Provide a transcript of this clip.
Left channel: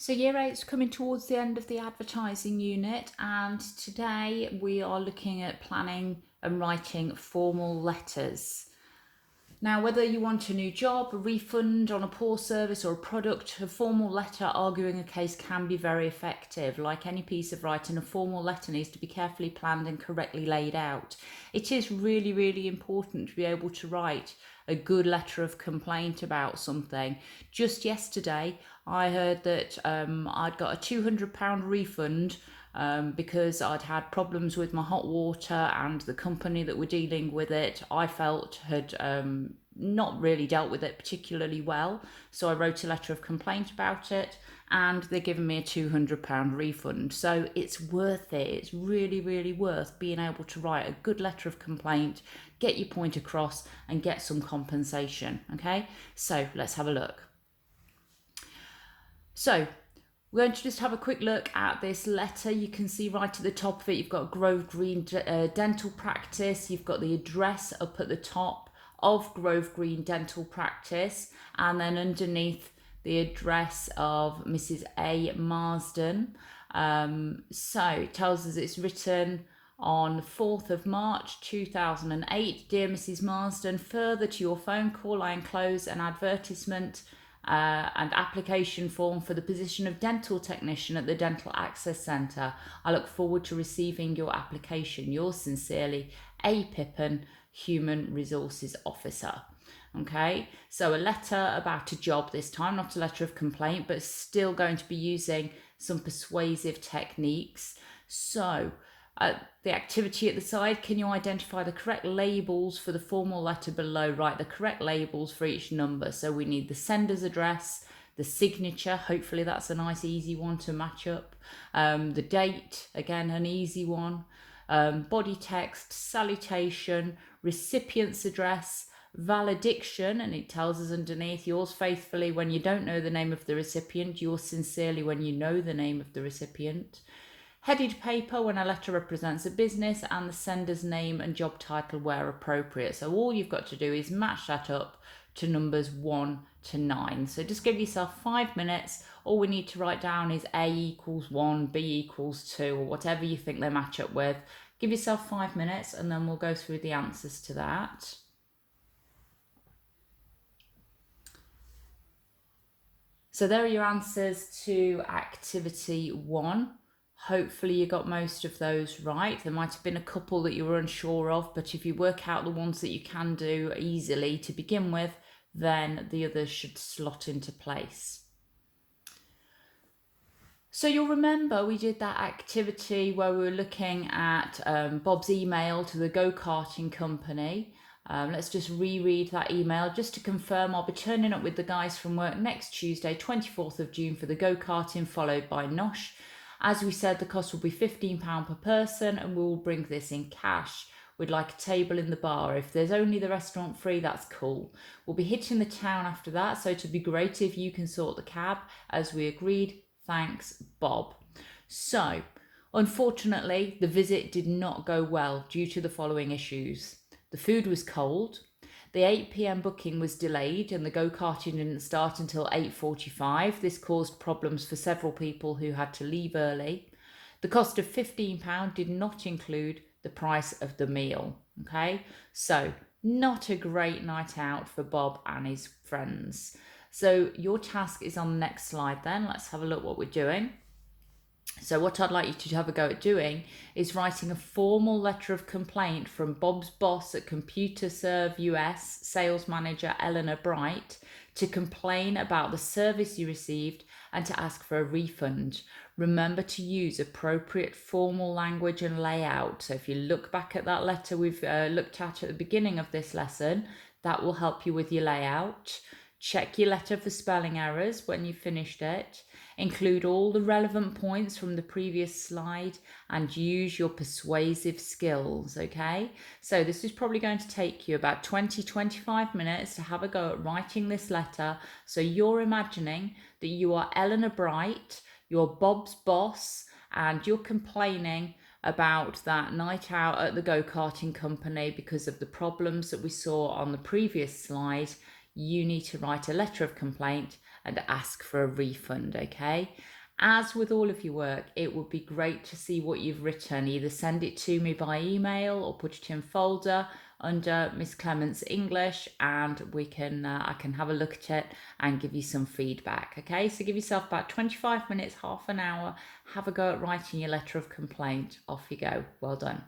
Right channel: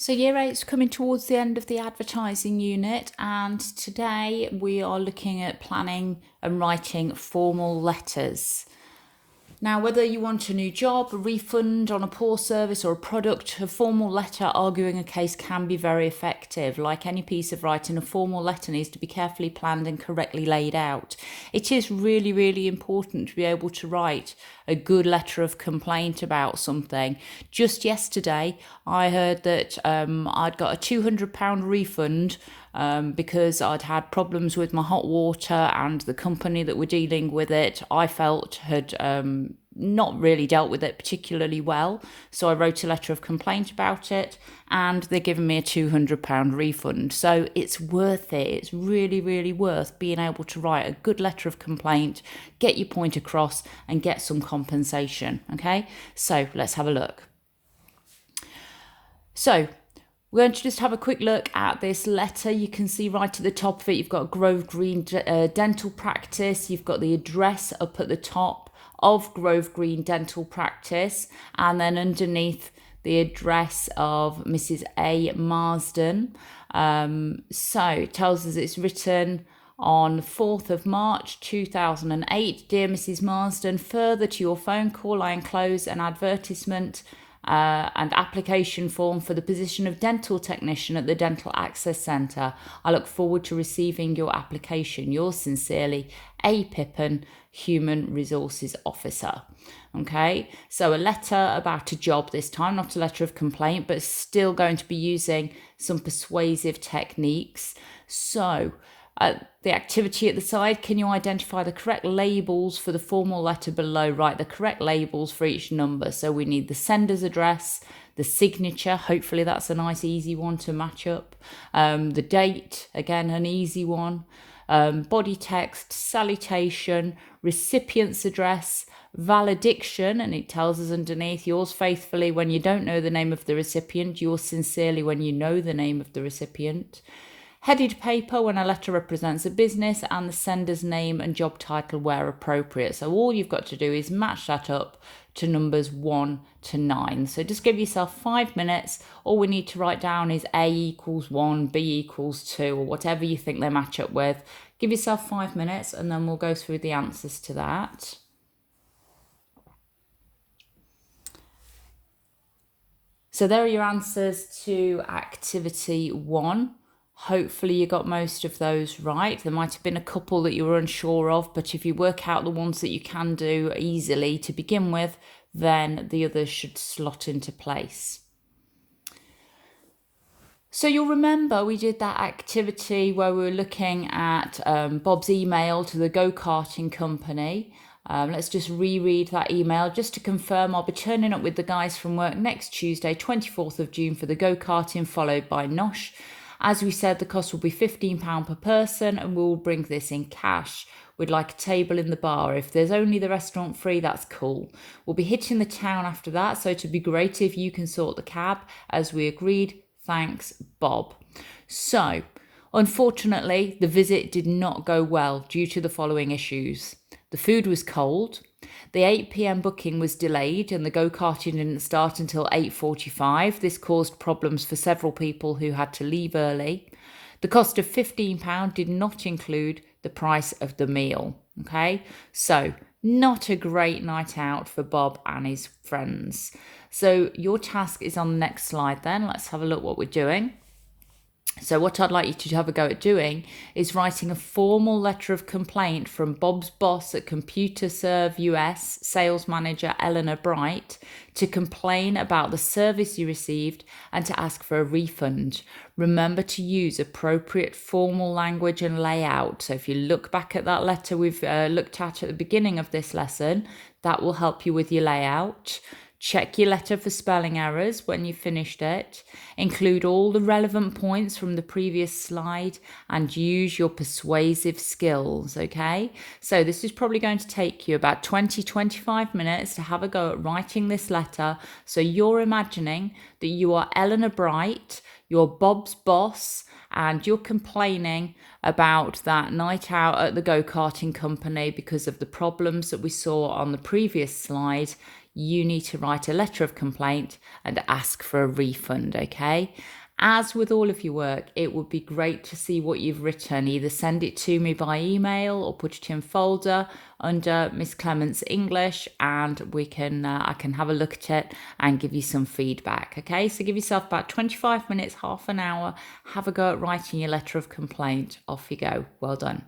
So year eight's coming towards the end of the advertising unit, and today we are looking at planning and writing formal letters. Now, whether you want a new job, a refund on a poor service or a product, a formal letter arguing a case can be very effective. Like any piece of writing, a formal letter needs to be carefully planned and correctly laid out. It is really, really important to be able to write a good letter of complaint about something. Just yesterday, I heard that I'd got a £200 refund because I'd had problems with my hot water, and the company that were dealing with it, I felt, had not really dealt with it particularly well. So I wrote a letter of complaint about it, and they're giving me a £200 refund. So it's worth it. It's really, really worth being able to write a good letter of complaint, get your point across, and get some compensation. Okay, so let's have a look. So we're going to just have a quick look at this letter. You can see right at the top of it, you've got Grove Green Dental Practice. You've got the address up at the top of Grove Green Dental Practice, and then underneath the address of Mrs. A. Marsden. So it tells us it's written on 4th of March 2008. Dear Mrs. Marsden, further to your phone call, I enclose an advertisement and application form for the position of dental technician at the Dental Access Centre. I look forward to receiving your application. Yours sincerely, A. Pippin, Human Resources Officer. Okay, so a letter about a job this time, not a letter of complaint, but still going to be using some persuasive techniques. So the activity at the side, can you identify the correct labels for the formal letter below? Write the correct labels for each number. So we need the sender's address, the signature, hopefully that's a nice easy one to match up, the date, again an easy one, body text, salutation, recipient's address, valediction, and it tells us underneath, yours faithfully when you don't know the name of the recipient, yours sincerely when you know the name of the recipient. Headed paper when a letter represents a business, and the sender's name and job title where appropriate. So all you've got to do is match that up to numbers 1 to 9. So just give yourself 5 minutes. All we need to write down is A equals 1, B equals 2, or whatever you think they match up with. Give yourself 5 minutes and then we'll go through the answers to that. So there are your answers to activity 1. Hopefully you got most of those right. There might have been a couple that you were unsure of, but if you work out the ones that you can do easily to begin with, then the others should slot into place. So you'll remember we did that activity where we were looking at Bob's email to the go-karting company. Let's just reread that email just to confirm. I'll be turning up with the guys from work next Tuesday, 24th of June for the go-karting, followed by Nosh. As we said, the cost will be £15 per person, and we'll bring this in cash. We'd like a table in the bar. If there's only the restaurant free, that's cool. We'll be hitting the town after that, so it'd be great if you can sort the cab, as we agreed. Thanks, Bob. So, unfortunately, the visit did not go well due to the following issues. The food was cold. The 8 p.m. booking was delayed and the go-karting didn't start until 8:45. This caused problems for several people who had to leave early. The cost of £15 did not include the price of the meal. Okay, so not a great night out for Bob and his friends. So your task is on the next slide then. Let's have a look what we're doing. So what I'd like you to have a go at doing is writing a formal letter of complaint from Bob's boss at ComputerServe US, sales manager Eleanor Bright, to complain about the service you received and to ask for a refund. Remember to use appropriate formal language and layout. So if you look back at that letter we've looked at the beginning of this lesson, that will help you with your layout. Check your letter for spelling errors when you've finished it. Include all the relevant points from the previous slide and use your persuasive skills, okay? So this is probably going to take you about 20-25 minutes to have a go at writing this letter. So you're imagining that you are Eleanor Bright, you're Bob's boss, and you're complaining about that night out at the go-karting company because of the problems that we saw on the previous slide. you need to write a letter of complaint and ask for a refund, okay? As with all of your work, it would be great to see what you've written. Either send it to me by email or put it in folder under Miss Clements English, and we can I can have a look at it and give you some feedback. Okay, so give yourself about 25 minutes, half an hour, have a go at writing your letter of complaint. Off you go. Well done.